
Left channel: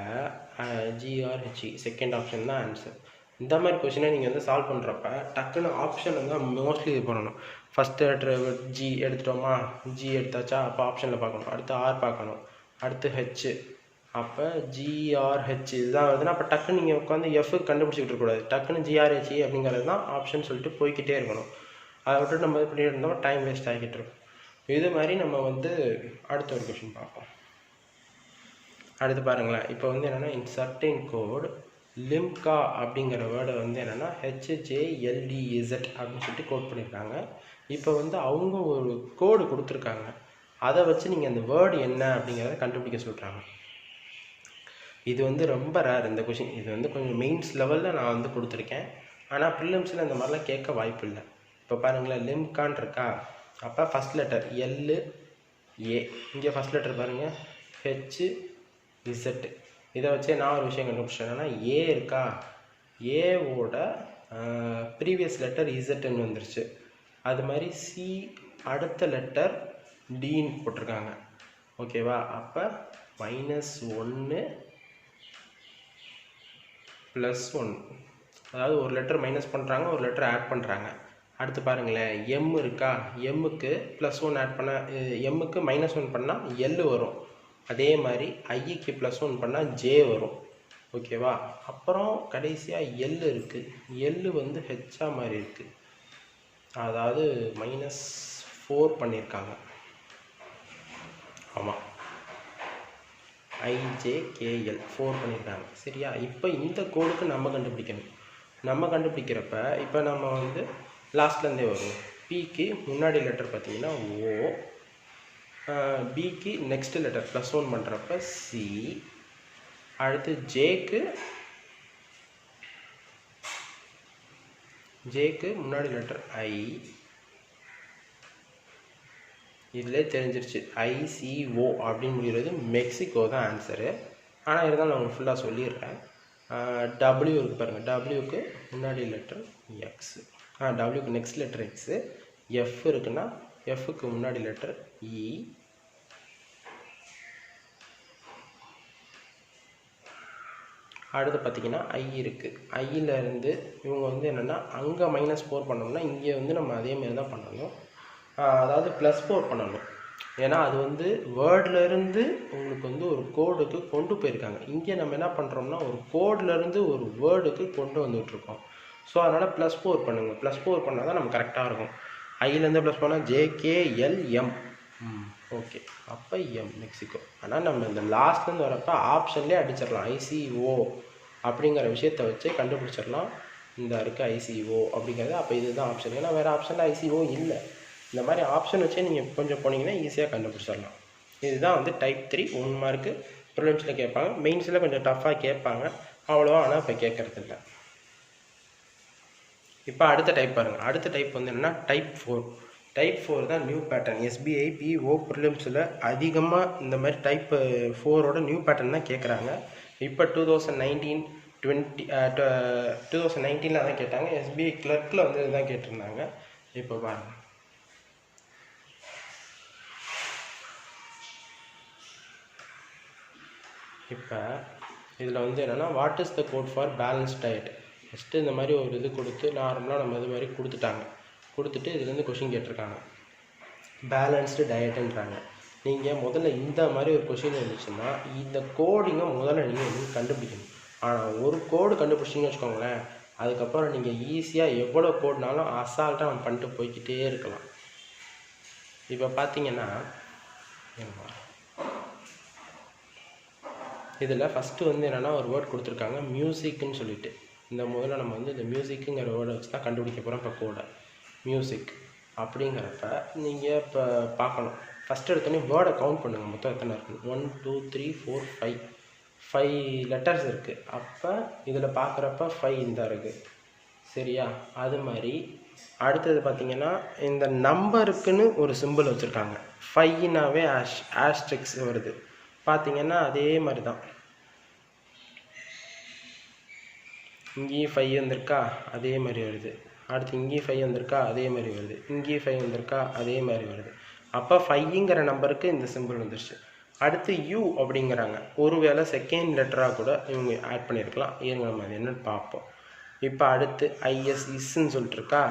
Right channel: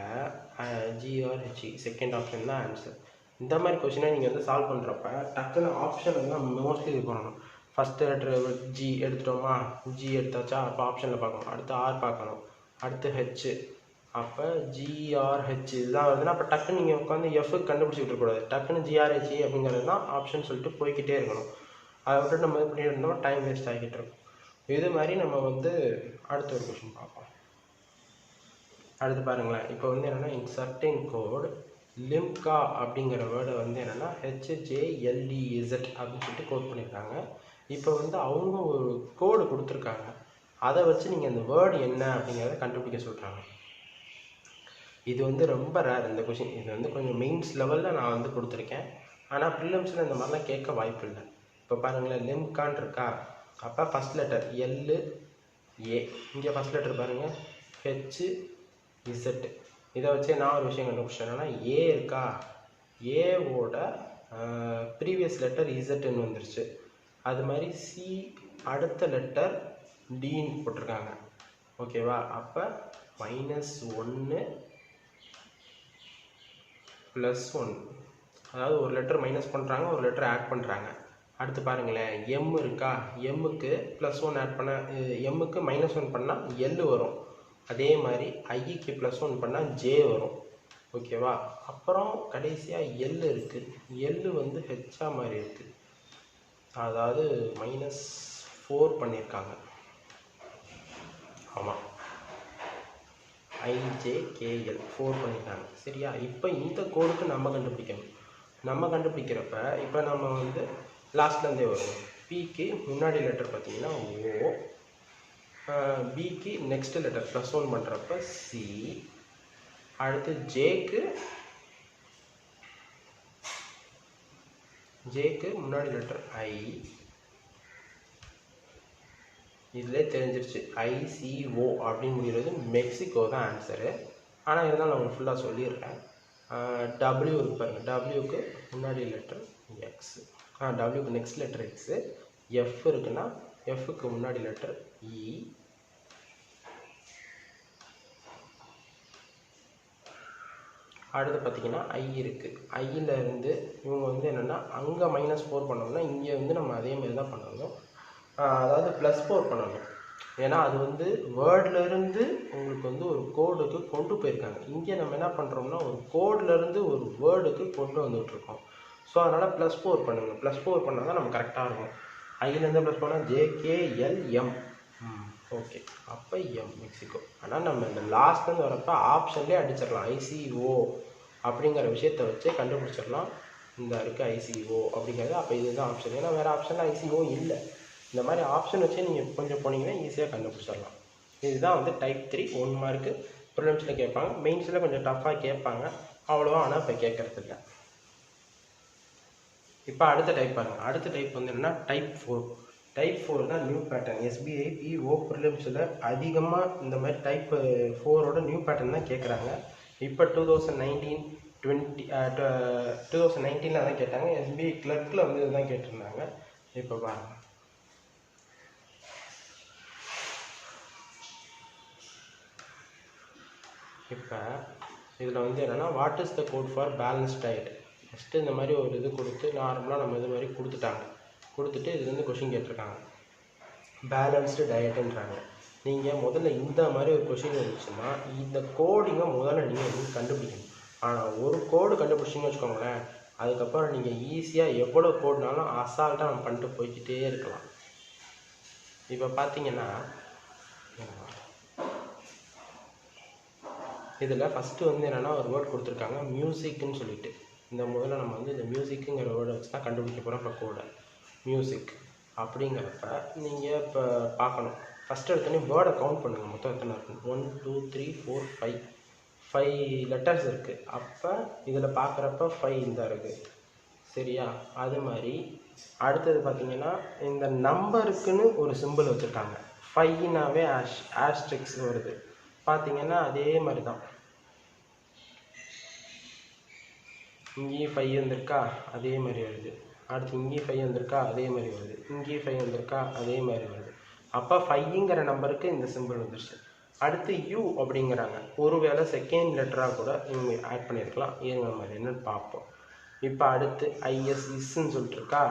ஜிஆர்ஹெச்இ செகண்ட் ஆப்ஷன் தான் ஆன்சர். இந்த மாதிரி கொஷினை நீங்கள் வந்து சால்வ் பண்ணுறப்ப டக்குன்னு ஆப்ஷன் வந்து மோஸ்ட்லி இது பண்ணணும். ஃபஸ்ட்டு லெட்டர் ஜி எடுத்துட்டோமா, ஜி எடுத்தாச்சா, அப்போ ஆப்ஷனில் பார்க்கணும். அடுத்து ஆர் பார்க்கணும், அடுத்து ஹெச். அப்போ ஜிஆர்ஹெச் இதுதான் வருதுன்னா அப்போ டக்குன்னு நீங்கள் உட்காந்து எஃப்க்கு கண்டுபிடிச்சிக்கிட்டு இருக்கக்கூடாது. டக்குன்னு ஜிஆர்ஹெச்இ அப்படிங்கிறது தான் ஆப்ஷன் சொல்லிட்டு போய்கிட்டே இருக்கணும். அதை விட்டு நம்ம இது பண்ணி இருந்தோம், டைம் வேஸ்ட் ஆகிட்டு இருக்கும். இது மாதிரி நம்ம வந்து அடுத்த ஒரு கொஷின் பார்ப்போம். அடுத்து பாருங்களேன், இப்போ வந்து என்னென்னா இன் சர்டைன் கோட் லிம்கா அப்படிங்கிற வேர்டை வந்து என்னென்னா ஹெச்ஜேஎல்டிஇசட் அப்படின்னு சொல்லிட்டு கோட் பண்ணியிருக்காங்க. இப்போ வந்து அவங்க ஒரு கோடு கொடுத்துருக்காங்க, அதை வச்சு நீங்கள் அந்த வேர்டு என்ன அப்படிங்கிறத கண்டுபிடிக்க சொல்கிறாங்க. இது வந்து ரொம்ப ரேர் இந்த கொஷின். இது வந்து கொஞ்சம் மெயின்ஸ் லெவலில் நான் வந்து கொடுத்துருக்கேன், ஆனால் ப்ரிலிம்ஸில் இந்த மாதிரிலாம் கேட்க வாய்ப்பு இல்லை. இப்போ பாருங்களேன், லிம்கான் இருக்கா, அப்போ ஃபஸ்ட் லெட்டர் எல்லு ஏ, இங்கே ஃபஸ்ட் லெட்டர் பாருங்கள் ஹெச் இசட். இதை வச்சே நான் ஒரு விஷயம் கண்டுபிடிச்சேன், என்னன்னா ஏ இருக்கா, ஏவோட ப்ரீவியஸ் லெட்டர் இசட்டுன்னு வந்துருச்சு. அது மாதிரி சி அடுத்த லெட்டர் டின்னு போட்டிருக்காங்க. ஓகேவா, அப்போ -1 +1, அதாவது ஒரு லெட்டர் மைனஸ் பண்ணுறாங்க, ஒரு லெட்டர் ஆட் பண்ணுறாங்க. அடுத்து பாருங்களேன், எம் இருக்கா, எம்முக்கு +1 ஆட் பண்ண, எம்முக்கு -1 பண்ணால் எல் வரும். அதே மாதிரி ஐக்கு +1 பண்ணால் ஜே வரும். ஓகேவா, அப்புறம் கடைசியாக எல் இருக்குது, எல் வந்து ஹெச்ஆ மாதிரி இருக்குது, அதாவது -4 பண்ணியிருக்காங்க. ஆமாம், ஐஜேகேஎல் 4 பண்ணியிருக்காங்க. சரியா, இப்போ இந்த கோடுக்கு நம்ம கண்டுபிடிக்கணும். நம்ம கண்டுபிடிக்கிறப்ப இப்போ நம்ம வந்து லாஸ்ட்லேருந்தே வரும். பிக்கு முன்னாடி லெட்டர் பார்த்தீங்கன்னா ஓ, பிக்கு நெக்ஸ்ட் லெட்டர் +1 பண்ணுறப்ப சி, அடுத்து ஜேக்கு முன்னாடி லெட்டர் ஐ. இதிலே தெரிஞ்சிருச்சு, ஐசிஓ அப்படின்னு முடிகிறது மெக்சிகோ தான் ஆன்சரு. ஆனால் இருந்தாலும் நான் உங்களுக்கு ஃபுல்லாக சொல்லிடுறேன். டபிள்யூ இருக்கு பாருங்கள், டபிள்யூக்கு முன்னாடி லெட்டர் எக்ஸ், டபிள்யூக்கு நெக்ஸ்ட் லெட்டர் எக்ஸு. எஃப் இருக்குன்னா எஃப்க்கு முன்னாடி லெட்டர் இ. அடுத்து பார்த்தீங்கன்னா ஐ இருக்குது, ஐயிலேருந்து இவங்க வந்து என்னென்னா அங்கே -4 பண்ணோம்னா இங்கே வந்து நம்ம அதேமாரி தான் பண்ணணும், அதாவது +4 பண்ணணும். ஏன்னா அது வந்து வேர்ட்லேருந்து உங்களுக்கு வந்து ஒரு கோடுக்கு கொண்டு போயிருக்காங்க. இங்கே நம்ம என்ன பண்ணுறோம்னா ஒரு கோட்லேருந்து ஒரு வேர்டுக்கு கொண்டு வந்துட்டுருக்கோம். ஸோ அதனால் +4 பண்ணுங்கள். +4 பண்ணால் தான் நம்ம கரெக்டாக இருக்கும். ஐயிலேருந்து ப்ளஸ் பண்ணால் ஜேகேஎல்எம். ஓகே, அப்போ எம் மெக்சிகோ. ஆனால் நம்ம இந்த லாஸ்ட்லேருந்து வரப்போ ஆப்ஷன்லேயே அடிச்சிடலாம், ஐசிஓ அப்படிங்கிற விஷயத்தை வச்சு கண்டுபிடிச்சிடலாம். இந்த இருக்குது ஐசிஓ அப்படிங்கிறது, அப்போ இதுதான் ஆப்ஷன். ஏன்னா வேறு ஆப்ஷனில் ஐசிஓ இல்லை. இந்த மாதிரி ஆப்ஷன் வச்சே நீங்கள் கொஞ்சம் போனீங்கன்னா ஈஸியாக கண்டுபிடிச்சிடலாம். இதுதான் வந்து டைப் 3 1 மார்க்கு ப்ரிலிம்ஸில் கேட்பாங்க. மெயின்ஸில் கொஞ்சம் டஃப்பாக கேட்பாங்க அவ்வளோவா, ஆனால் இப்போ கேட்குறது இல்லை. இப்போ அடுத்த டைப் பாருங்கள். அடுத்த டைப் வந்து என்னென்னா டைப் 4. டைப் 4 தான் நியூ பேட்டர்ன். எஸ்பிஐ பிஓ ப்ரிலிம்ஸில் அதிகமாக இந்த மாதிரி டைப் 4ஓட நியூ பேட்டர்ன் தான் கேட்குறாங்க. இப்போ 2019 அதான் கேட்டாங்க. எஸ்பிஐ கிளர்க்கில் வந்து இதுதான் கேட்டிருந்தாங்க. இப்போ பாருங்கள், இப்போ இதில் வந்து என்னென்னா what is the code for balance diet. First இந்த மாதிரி ஒரு இது கொடுத்து நார்மலாக நம்ம இது மாதிரி கொடுத்துட்டு இதுலேருந்து கொஷின் கேட்டிருக்காங்க. பேலன்ஸ்டு டயட்டுன்றாங்க. நீங்கள் முதல்ல இந்த மாதிரி ஒரு கொஷின் இருந்துச்சுன்னா இந்த கோடிங்கை முதல்ல நீங்கள் வந்து கண்டுபிடிக்கணும். ஆனால் ஒரு கோடு கண்டுபிடிச்சிங்கன்னு வச்சுக்கோங்களேன், அதுக்கப்புறம் நீங்கள் ஈஸியாக எவ்வளோ கோடுனாலும் அசால்ட்டாக நம்ம பண்ணிட்டு போய்கிட்டே இருக்கலாம். இப்போ பார்த்தீங்கன்னா இதில் ஃபஸ்ட்டு வந்து என்னென்னா ஒரு வேர்ட் கொடுத்துருக்காங்க மியூசிக்குன்னு சொல்லிட்டு. இந்த முதல்ல நம்ம வந்து இந்த மியூசிக்குங்கிற வேர்டை வச்சு தான் கண்டுபிடிக்க போகிறோம். இப்போ கோடை மியூசிக் அப்படிங்கிறப்ப நீங்கள் இப்போ பார்க்கணும். ஃபஸ்ட்டு எடுத்தோடனே வேர்டை கவுண்ட் பண்ணுங்கள், மொத்தம் எத்தனை இருக்குது. 1 2 3 4 5 லெட்டர்ஸ் இருக்குது. அப்போ இதில் பார்க்குறப்ப 5 இந்த இருக்குது. சரியா, அது மாதிரி அடுத்தது பார்த்தீங்கன்னா இந்த நம்பருக்குன்னு ஒரு சிம்பிள் வச்சுருக்காங்க. 5னாவே ஆஸ்ட்ரிக்ஸ் வருது. பார்த்தீங்கன்னா அதே மாதிரி தான் இங்கேயும் 5 வந்திருக்கா, அதே மாதிரி வருது. அடுத்து இங்கேயும் 5 வந்திருக்கா, அதே மாதிரி வருது. இங்கேயும் 5 வந்திருக்கா, அதே மாதிரி வருது. அப்போ 5ங்கிற நம்பருக்கு இந்த சிம்பிள் வந்துருச்சு. அடுத்து யூ அப்படிங்கிறாங்க. ஒருவேளை செகண்ட் லெட்டராக கூட இவங்க ஆட் பண்ணியிருக்கலாம். இருங்க நம்ம அது என்னன்னு பார்ப்போம். இப்போ அடுத்து ஐஎஸ் இஸ்ன்னு சொல்லிட்டு இருக்கா,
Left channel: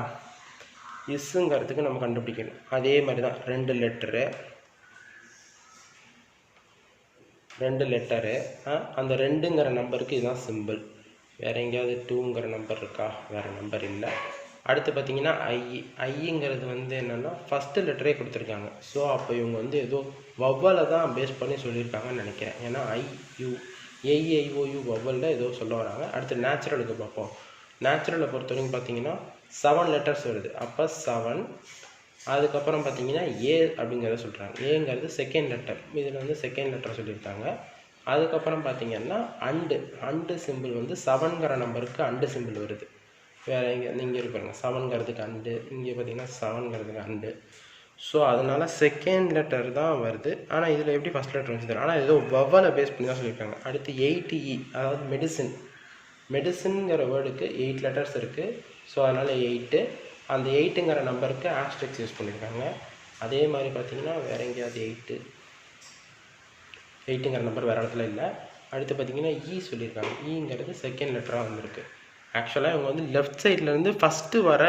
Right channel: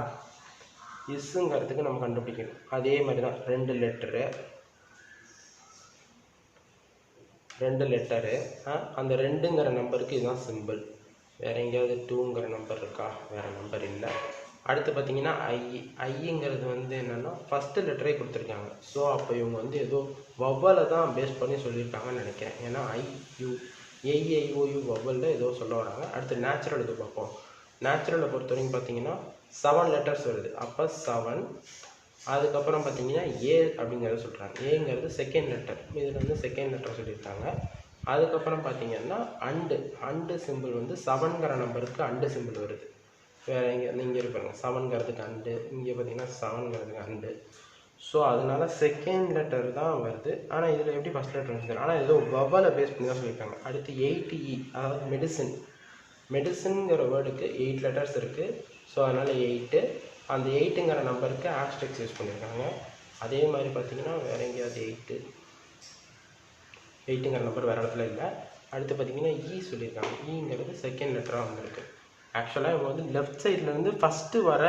இஸ்ஸுங்கிறதுக்கு நம்ம கண்டுபிடிக்கணும். அதே மாதிரி தான் 2 லெட்டரு அந்த 2ங்கிற நம்பருக்கு இதுதான் சிம்பிள். வேறு எங்கேயாவது 2ங்கிற நம்பர் இருக்கா? வேறு நம்பர் இல்லை. அடுத்து பார்த்தீங்கன்னா ஐங்கிறது வந்து என்னென்னா ஃபஸ்ட்டு லெட்டரே கொடுத்துருக்காங்க. ஸோ அப்போ இவங்க வந்து ஏதோ வவ்வலை தான் பேஸ் பண்ணி சொல்லியிருக்காங்கன்னு நினைக்கிறேன். ஏன்னா ஐஐஓயு வவ்வலில் ஏதோ சொல்ல வராங்க. அடுத்து நேச்சுரலுக்கு பார்ப்போம். நேச்சுரலை பொறுத்த வரைக்கும் பார்த்தீங்கன்னா 7 லெட்டர்ஸ் வருது. அப்போ 7. அதுக்கப்புறம் பார்த்தீங்கன்னா ஏ அப்படிங்கிறத சொல்கிறாங்க. ஏங்கிறது செகண்ட் லெட்டர். இதில் வந்து செகண்ட் லெட்டர் சொல்லியிருக்காங்க. அதுக்கப்புறம் பார்த்தீங்கன்னா அண்டு சிம்பிள் வந்து 7ங்கிற நம்பருக்கு அண்டு சிம்பிள் வருது. வேறு இங்கே இருப்பாங்க 7ங்கிறதுக்கு அண்டு, இங்கே பார்த்தீங்கன்னா 7ங்கிறதுக்கு அண்டு. ஸோ அதனால செகண்ட் லெட்டர் தான் வருது. ஆனால் இதில் எப்படி ஃபஸ்ட் லெட்டர் வந்து தரும்? ஆனால் ஏதோ வவ்வலை பேஸ் பண்ணி தான் சொல்லியிருக்காங்க. அடுத்து 8E, அதாவது மெடிசின்ங்கிற வேர்டுக்கு 8 லெட்டர்ஸ் இருக்குது. ஸோ அதனால் 8. அந்த 8ங்கிற நம்பருக்கு ஆஸ்ட்ரிக்ஸ் யூஸ் பண்ணியிருக்காங்க. அதே மாதிரி பார்த்தீங்கன்னா வேறு எங்கேயாவது 8ங்கிற நம்பர் வேறு இடத்துல இல்லை. அடுத்து பார்த்தீங்கன்னா சொல்லியிருக்காங்க. ங்கிறது செகண்ட் லெட்டராக வந்திருக்கு. ஆக்சுவலாக இவங்க வந்து லெஃப்ட் சைட்லேருந்து ஃபஸ்ட்டு வர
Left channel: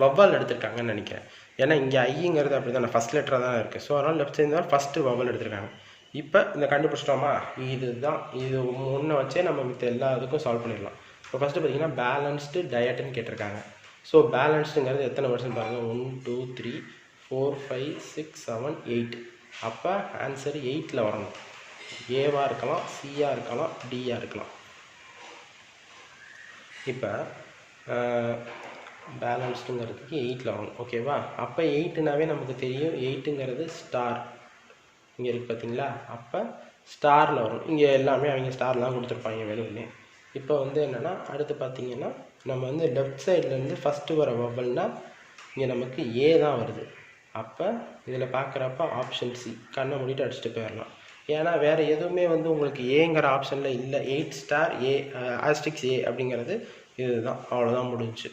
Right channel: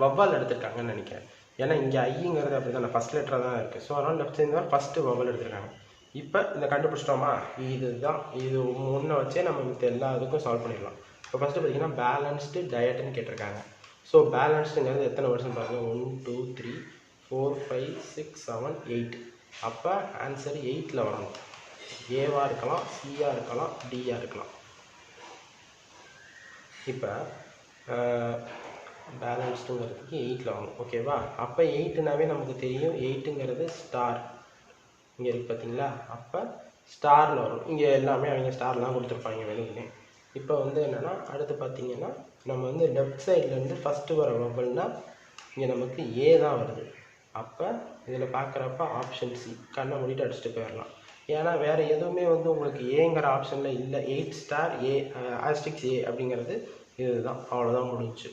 வவ்வால் எடுத்துருக்காங்கன்னு நினைக்கிறேன். ஏன்னா இங்கே ஐங்கிறது அப்படி தான் ஃபஸ்ட் லெட்டராக தான் இருக்குது. ஸோ அதனால் லெஃப்ட் சைடு தான் ஃபஸ்ட்டு வவ்வால் எடுத்துருக்காங்க. இப்போ இந்த கண்டுபிடிச்சிட்டோமா, இதுதான் இது முன்னே வச்சே நம்ம மித்த எல்லா இதுக்கும் சால்வ் பண்ணிடலாம். இப்போ ஃபஸ்ட்டு பார்த்தீங்கன்னா பேலன்ஸ்டு டயட்டுன்னு கேட்டிருக்காங்க. ஸோ பேலன்ஸ்டுங்கிறது எத்தனை வருஷம் பாருங்கள், 1 2 3 4 5 6 7 8. அப்போ ஆன்சர் 8ல் வரணும். ஏவாக இருக்கலாம், சியாக இருக்கலாம், டியாக இருக்கலாம். இப்போ பேலன்ஸ்டுங்கிறதுக்கு 8ல் வரணும். ஓகேவா? அப்போ 8னாவே நமக்கு தெரியும். 8ங்கிறது ஸ்டார் இங்கே இருக்குது பார்த்தீங்களா? அப்போ ஸ்டாரில் வரும். இங்கே எல்லாமே அவங்க ஸ்டார்லாம் கொடுத்துருப்பாங்க வேணும்னே. இப்போ வந்து என்னென்னா அடுத்து பார்த்தீங்கன்னா நம்ம வந்து லெஃப்ட் சைட்லேருந்து ஃபஸ்ட்டு வர வவ்வல்னால் இங்கே நமக்கு ஏ தான் வருது. அப்போ இதில் பார்க்குறப்ப ஆப்ஷன் சி, கண்ணை மூடிட்டு அடிச்சுட்டு போயிடலாம். ஏன்னா வேறு எதுவுமே வந்து உங்களுக்கு ஏங்கிற ஆப்ஷனில் இல்லை. 8 ஸ்டார் ஏ ஆஸ்ட்ரிக்ஸ் ஏ அப்படிங்கிறது இதுதான், அவ்வளோதான் முடிஞ்சு.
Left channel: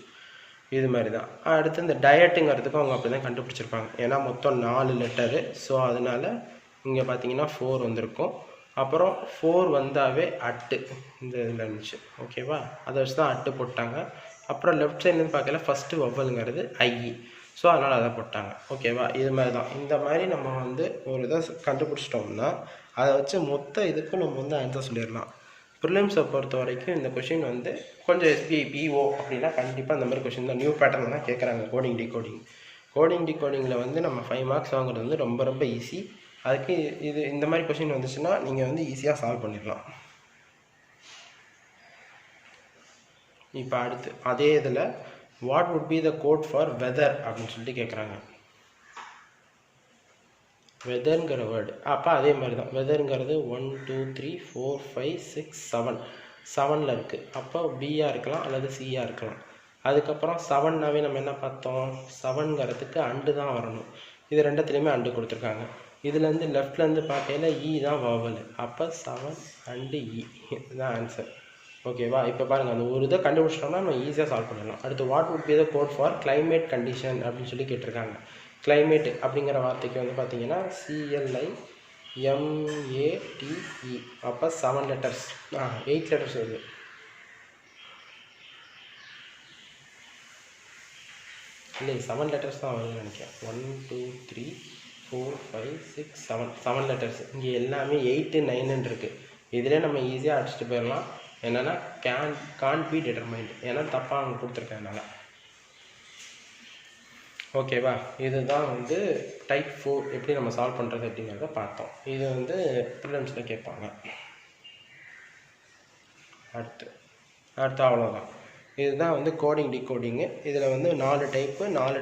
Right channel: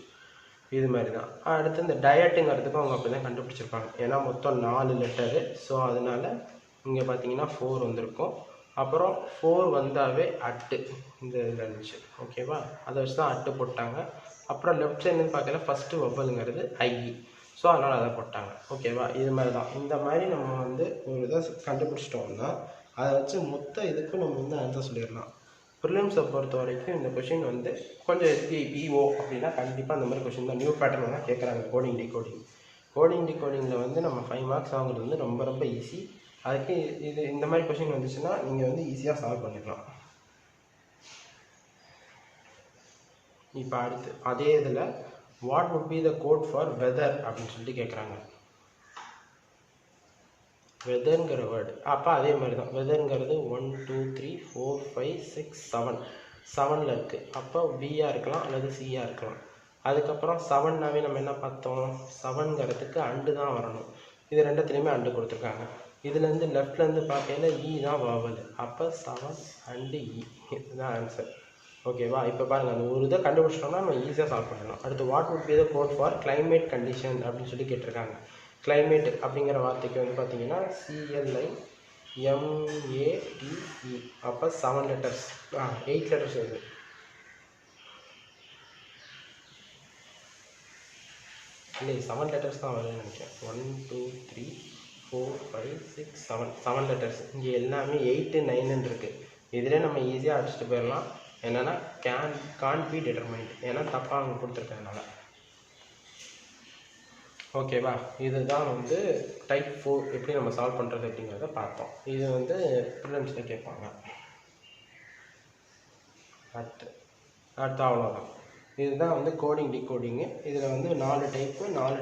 இது மாதிரி தான். அடுத்து இந்த டயட்டுங்கிறதுக்கும் அவங்க அப்படி தான் கண்டுபிடிச்சிருப்பாங்க. ஏன்னா மொத்தம் 4 லெட்டரு. ஸோ அதனால் இங்கே பார்த்தீங்கன்னா 4 வந்திருக்கும். அப்புறம் 4 வந்தாவே அட்டு இந்த இதில் இருந்துச்சு. ஓகேவா? அதை வச்சு தான் அட்டு போட்டாங்க. அப்புறம் லெஃப்ட் சைட்லேருந்து பார்க்கல ஃபஸ்ட்டு வவ்வலுங்கிறது ஐஇ. ஸோ அதனால் அதை போட்டாங்க. ஓகேவா? இது மாதிரி தான். இந்த மாதிரி நம்ம வந்து ஒரு இதை கண்டுபிடிச்சிட்டோம்னா அதை வச்சு மொத்த இதுக்கும் நம்ம வந்து ஆன்சர் சொல்லிடலாம். ப்ரிலிம்ஸை பொறுத்த வரைக்கும் இந்த கொஷின் வந்து கொஞ்சம் எஸ்பிஐ பிஓ அப்படின்னா கண்டிப்பாக அந்த மாதிரி கொஷின் தான், நியூ பேட்டர்ன் தான் கேட்குறாங்க. கோடிங் டிகோடிங்கில் வந்து நம்ம 5 மார்க்ஸ் வாங்குறது வந்து ரொம்ப ரொம்ப ஈஸி. அதுக்கு இந்த மாதிரி கொஷின் வந்துச்சுன்னா நீங்கள் வந்து ஈஸியாக சால்வ் பண்ணிடலாம். இப்போ அடுத்து அதே இதில் what would be the code for weather அப்படின்னு சொல்லிட்டு கேட்குறாங்க. வெதருங்கிற வேர்டு அப்போ அதே மாதிரி தான். வெதருங்கிறது 1 2 3 4 5 6 7ல் இருக்குது. அப்போ பியாக இருக்கலாம் அல்லது சியாக இருக்கலாம். அதுக்கப்புறம் 7னாவே நம்ம என்ன பார்த்தோம், 7ங்கிறதுக்கு அண்டு தான் வரணும். இது ரெண்டுத்துலேயுமே அண்டு கொடுத்துருக்காங்க. இதுலேருந்து லெஃப்ட்லேருந்து பார்த்தீங்கன்னா தான் வாவல். அப்போ 7 அண்டு இதுதான் ஆன்சர். ஓகேவா? இப்போ பாருங்கள், அந்த ஒரு இதை கண்டுபிடிச்சிட்டோம்னா நம்ம ஈஸியாக சால்வ் பண்ணலாம். அடுத்து what would be the code for climate condition அப்படின்னு சொல்லி கேட்டிருக்காங்க. கிளைமேட் அப்படிங்கிற வார்த்தைக்கு வந்து பார்த்தீங்கன்னா CLIMATE. அப்போ 7 லெட்டர்ஸ் 8 லெட்டர்ஸ் வருது. இல்லை 7 லெட்டர்ஸ் தான் வருதுன்னு நினைக்கிறேன். 1 2 3 4 5 6 7 லெட்டர்ஸ். இங்கே எல்லாமே 8 9 இருக்குது. இதிலே நம்ம ஈஸியாக அடிச்சுட்டு போயிடலாம். என்னென்னா கான்ட் பி டிட்டர்மைண்ட், ஏன்னா தப்பாக அவங்க கொடுத்துருக்கனால. ஓகேவா? இதுதான் வந்து டைப் 4 எப்படி நம்ம சால்வ் பண்ணுறது அப்படிங்கிறத பார்த்தோம். இது வந்து ப்ரிலிம்ஸில் கேட்பாங்க. அடுத்து அவ்வளோதான். இதுதான் வந்து கோடிங் டிகோடிங்கு. இதில் வந்து 4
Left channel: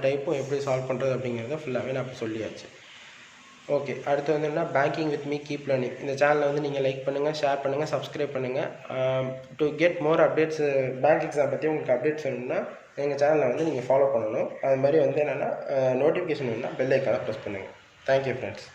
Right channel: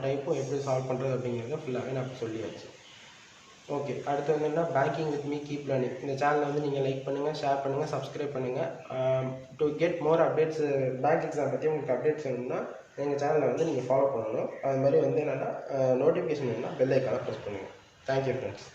டைப்பும் எப்படி சால்வ் பண்ணுறது அப்படிங்கிறத ஃபுல்லாகவே நான் இப்போ சொல்லியாச்சு. ஓகே, அடுத்து வந்து என்ன, banking with me keep learning. இந்த சேனலை வந்து நீங்கள் லைக் பண்ணுங்கள், ஷேர் பண்ணுங்கள், சப்ஸ்கிரைப் பண்ணுங்கள். To get more updates bank exam பற்றி உங்களுக்கு அப்டேட்ஸ் வேணும்னா எங்கள் சேனலை வந்து நீங்கள் ஃபாலோ பண்ணணும். அது மாதிரி வந்து என்னென்னா நோட்டிஃபிகேஷன் வேணுன்னா பெல் ஐக்கானை ப்ரெஸ் பண்ணுங்கள். Thank you friends.